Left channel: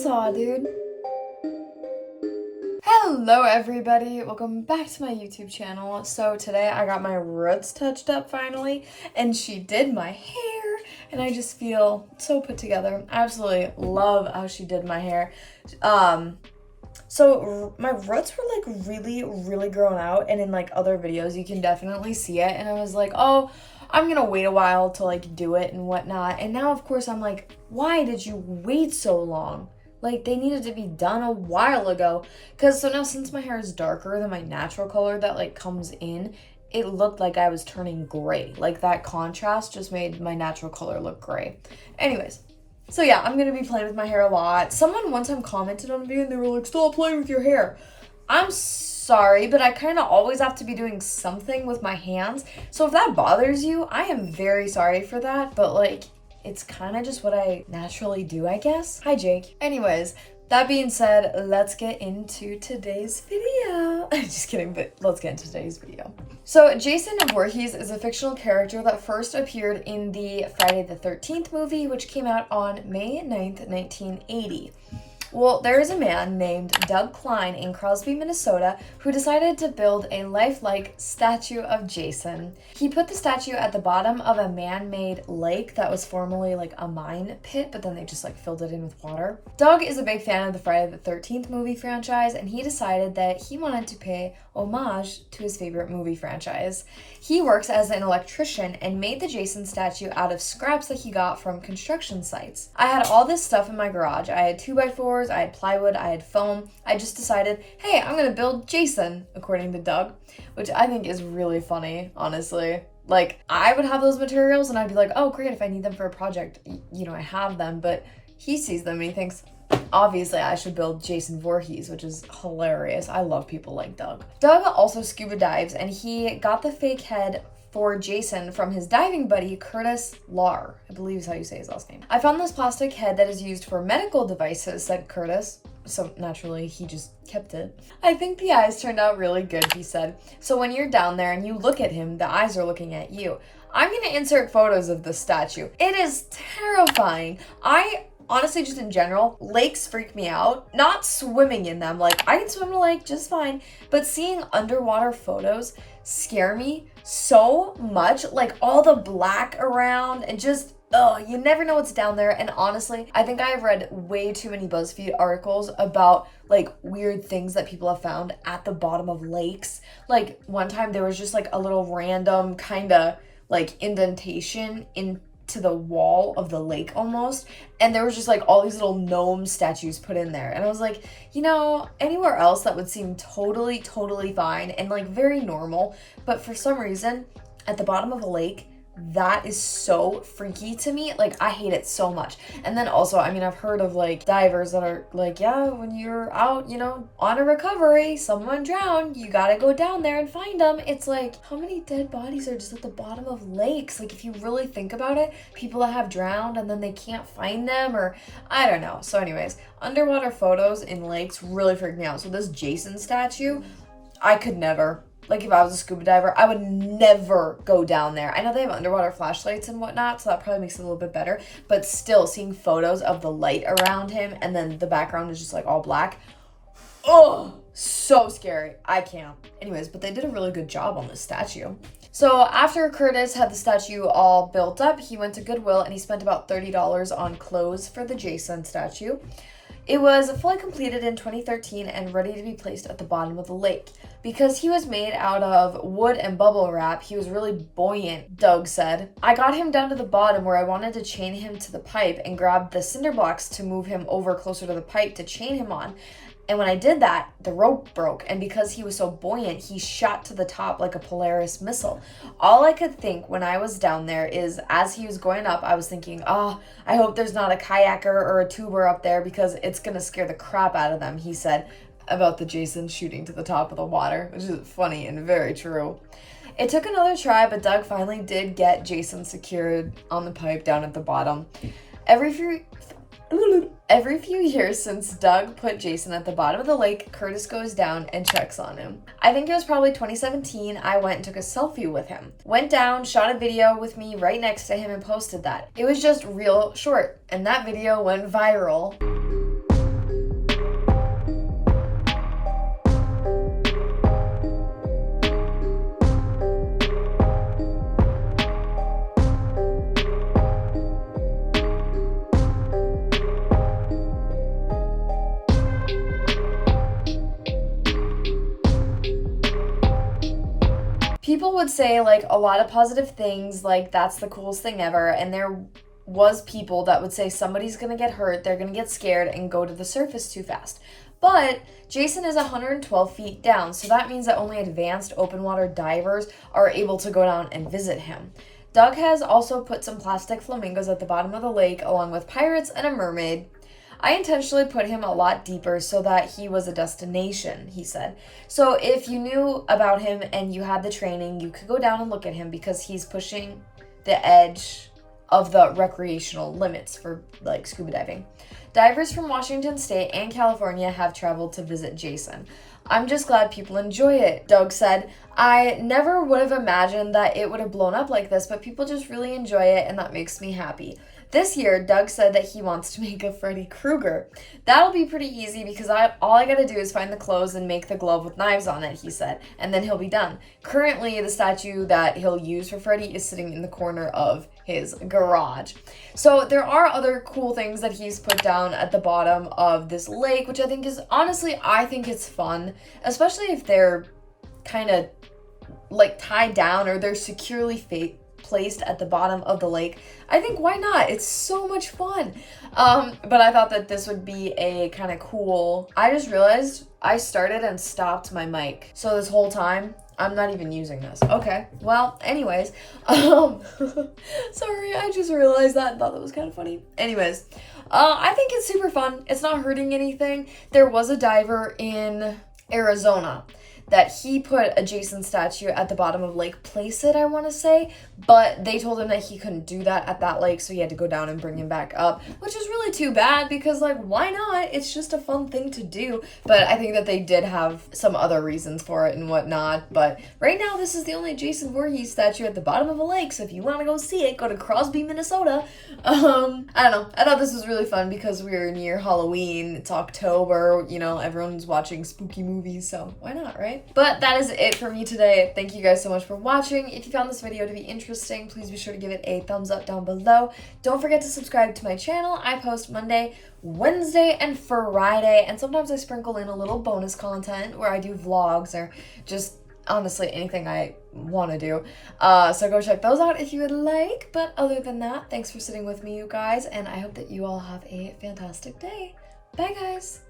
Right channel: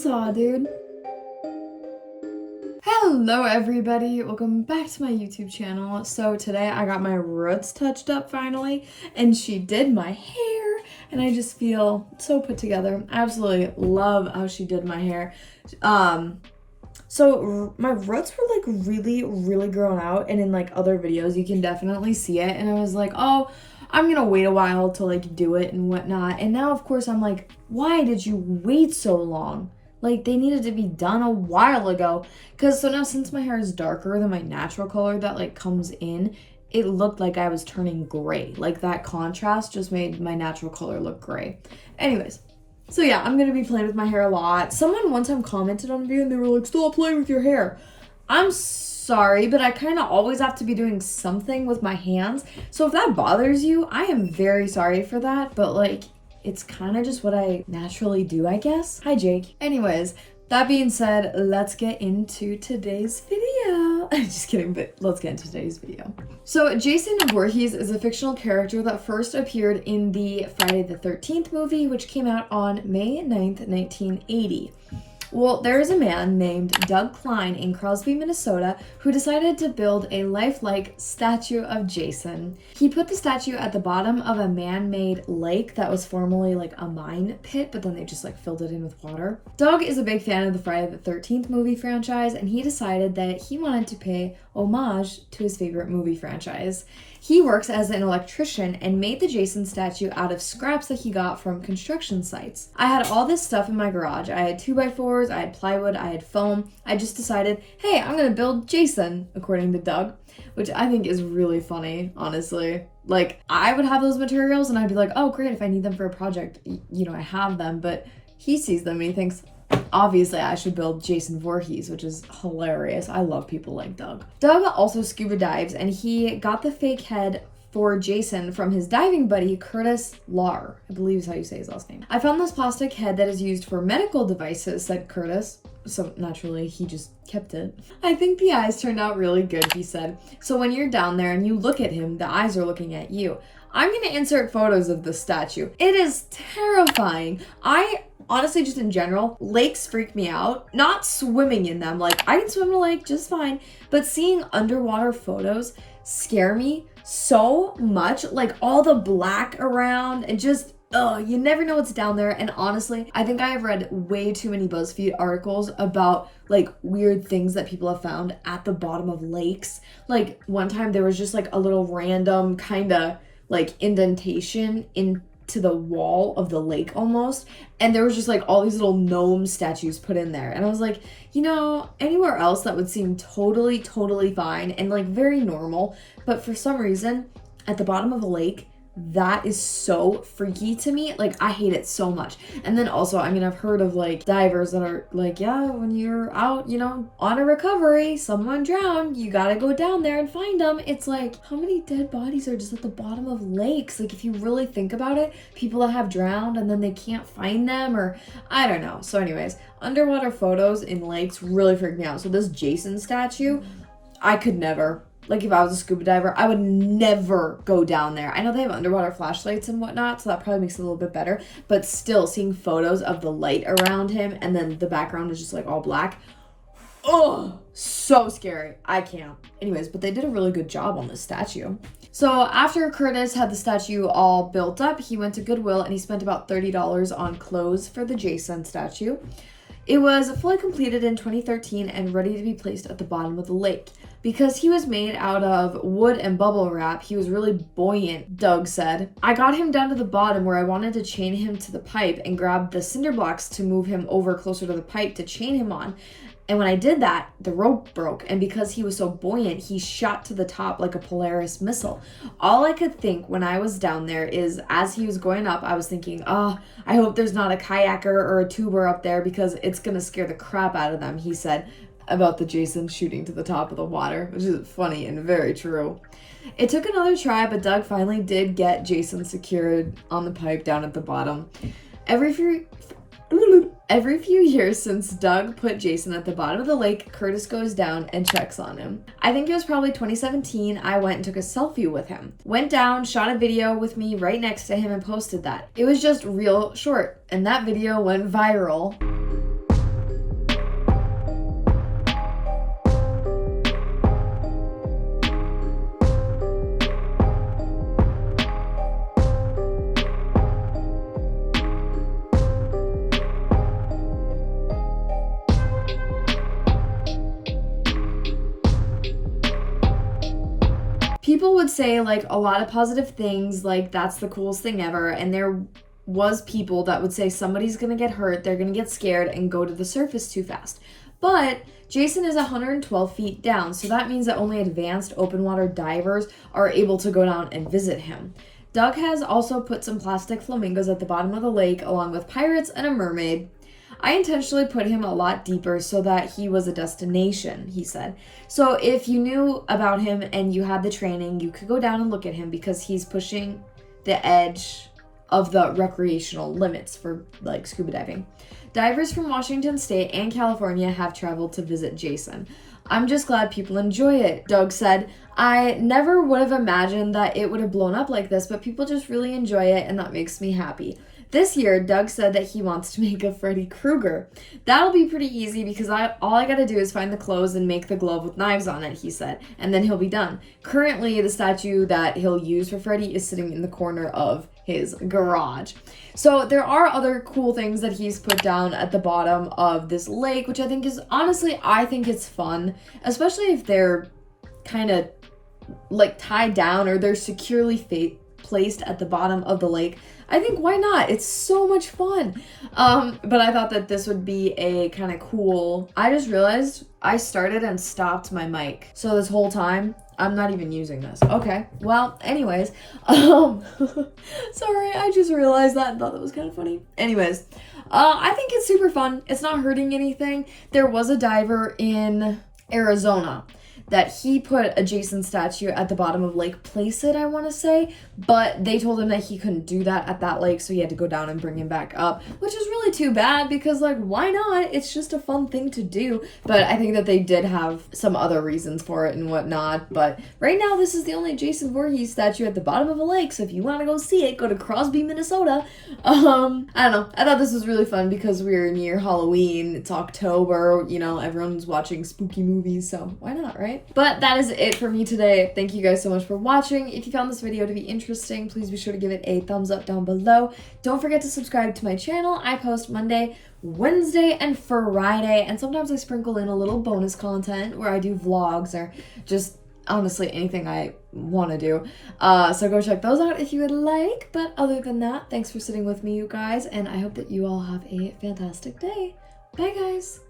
saw, dude. Hello everybody, welcome back to my YouTube channel. So today I got my roots touched up finally, and she did my hair, and I just feel so put together. I absolutely love how she did my hair. So my roots were like really grown out, and in like other videos you can definitely see it, and I was like, oh, I'm gonna wait a while to like do it and whatnot. And now of course I'm like, why did you wait so long? Like, they needed to be done a while ago. Because so now, since my hair is darker than my natural color that like comes in, it looked like I was turning gray. Like, that contrast just made my natural color look gray. Anyways, so yeah, I'm gonna be playing with my hair a lot. Someone one time commented on a video and they were like, stop playing with your hair. I'm sorry, but I kind of always have to be doing something with my hands. So if that bothers you, I am very sorry for that. But like, it's kind of just what I naturally do, I guess. Hi, Jake. Anyways, that being said, let's get into today's video. Just kidding, but let's get into today's video. So Jason Voorhees is a fictional character that first appeared in the Friday the 13th movie, which came out on May 9th, 1980. Well, there is a man named Doug Klein in Crosby, Minnesota, who decided to build a lifelike statue of Jason. He put the statue at the bottom of a man-made lake that was formerly like a mine pit, but then they just like filled it in with water. Doug is a big fan of the Friday the 13th movie franchise, and he decided that he wanted to pay homage to his favorite movie franchise. He works as an electrician and made the Jason statue out of scraps that he got from construction sites. I had all this stuff in my garage. I had 2x4s, I had plywood, I had foam. I just decided, hey, I'm gonna build Jason, according to Doug, which I think is really funny, honestly. Like, I would have those materials and I'd be like, oh great, if I need them for a project, you know, I have them, but he sees them and he thinks, obviously, I should build Jason Voorhees, which is hilarious. I love people like Doug. Doug also scuba dives, and he got the fake head for Jason from his diving buddy, Curtis Lar. I believe is how you say his last name. I found this plastic head that is used for medical devices, said Curtis. So naturally, he just kept it. I think the eyes turned out really good, he said. So when you're down there and you look at him, the eyes are looking at you. I'm gonna insert photos of the statue. It is terrifying. Honestly, just in general, lakes freak me out. Not swimming in them, like I can swim in a lake just fine, but seeing underwater photos scare me so much. Like all the black around and just, you never know what's down there. And honestly, I think I have read way too many BuzzFeed articles about like weird things that people have found at the bottom of lakes. Like one time there was just like a little random kind of like indentation into the wall of the lake almost, and there was just like all these little gnome statues put in there, and I was like, you know, anywhere else that would seem totally fine and like very normal, but for some reason at the bottom of a lake, that is so freaky to me. Like, I hate it so much. And then also, I mean, I've heard of like divers that are like, yeah, when you're out, you know, on a recovery, someone drowned, you gotta go down there and find them. It's like, how many dead bodies are just at the bottom of lakes? Like, if you really think about it, people that have drowned and then they can't find them, or I don't know. So anyways, underwater photos in lakes really freak me out. So this Jason statue, I could never. Like, if I was a scuba diver, I would never go down there. I know they have underwater flashlights and whatnot, so that probably makes it a little bit better. But still, seeing photos of the light around him and then the background is just like all black. Oh, so scary. I can't. Anyways, but they did a really good job on this statue. So after Curtis had the statue all built up, he went to Goodwill and he spent about $30 on clothes for the Jason statue. It was fully completed in 2013 and ready to be placed at the bottom of the lake. Because he was made out of wood and bubble wrap, he was really buoyant, Doug said. I got him down to the bottom where I wanted to chain him to the pipe and grabbed the cinder blocks to move him over closer to the pipe to chain him on. And when I did that, the rope broke, and because he was so buoyant, he shot to the top like a Polaris missile. All I could think when I was down there is, as he was going up, I was thinking, I hope there's not a kayaker or a tuber up there because it's gonna scare the crap out of them, he said about the Jason shooting to the top of the water, which is funny and very true. It took another try, but Doug finally did get Jason secured on the pipe down at the bottom. Every few years since Doug put Jason at the bottom of the lake, Curtis goes down and checks on him. I think it was probably 2017, I went and took a selfie with him. Went down, shot a video with me right next to him and posted that. It was just real short, and that video went viral. say like a lot of positive things, like that's the coolest thing ever. And there was people that would say somebody's gonna get hurt, they're gonna get scared and go to the surface too fast. But Jason is 112 feet down, so that means that only advanced open water divers are able to go down and visit him. Doug has also put some plastic flamingos at the bottom of the lake along with pirates and a mermaid. I intentionally put him a lot deeper so that he was a destination, he said. So if you knew about him and you had the training, you could go down and look at him because he's pushing the edge of the recreational limits for like scuba diving. Divers from Washington State and California have traveled to visit Jason. I'm just glad people enjoy it, Doug said. I never would have imagined that it would have blown up like this, but people just really enjoy it and that makes me happy. This year, Doug said that he wants to make a Freddy Krueger. That'll be pretty easy because all I gotta do is find the clothes and make the glove with knives on it, he said, and then he'll be done. Currently, the statue that he'll use for Freddy is sitting in the corner of his garage. So there are other cool things that he's put down at the bottom of this lake, which I think is, honestly, I think it's fun, especially if they're kind of like tied down or they're securely placed at the bottom of the lake. I think why not? It's so much fun. But I thought that this would be a kind of cool. I just realized I started and stopped my mic. So this whole time I'm not even using this. Okay. Well, anyways, sorry, I just realized that and thought that was kind of funny. Anyways, I think it's super fun. It's not hurting anything. There was a diver in Arizona that he put a Jason statue at the bottom of Lake Placid, I want to say, but they told him that he couldn't do that at that lake, so he had to go down and bring him back up, which is really too bad because, like, why not? It's just a fun thing to do, but I think that they did have some other reasons for it and whatnot, but right now this is the only Jason Voorhees statue at the bottom of a lake, so if you want to go see it, go to Crosby, Minnesota. I don't know, I thought this was really fun because we're near Halloween, it's October, you know, everyone's watching spooky movies, so why not, right? But that is it for me today. Thank you guys so much for watching. If you found this video to be interesting, please be sure to give it a thumbs up down below. Don't forget to subscribe to my channel. I post Monday, Wednesday, and Friday, and sometimes I sprinkle in a little bonus content where I do vlogs or just honestly anything I want to do. So go check those out if you would like. But other than that, thanks for sitting with me, you guys, and I hope that you all have a fantastic day. Bye, guys.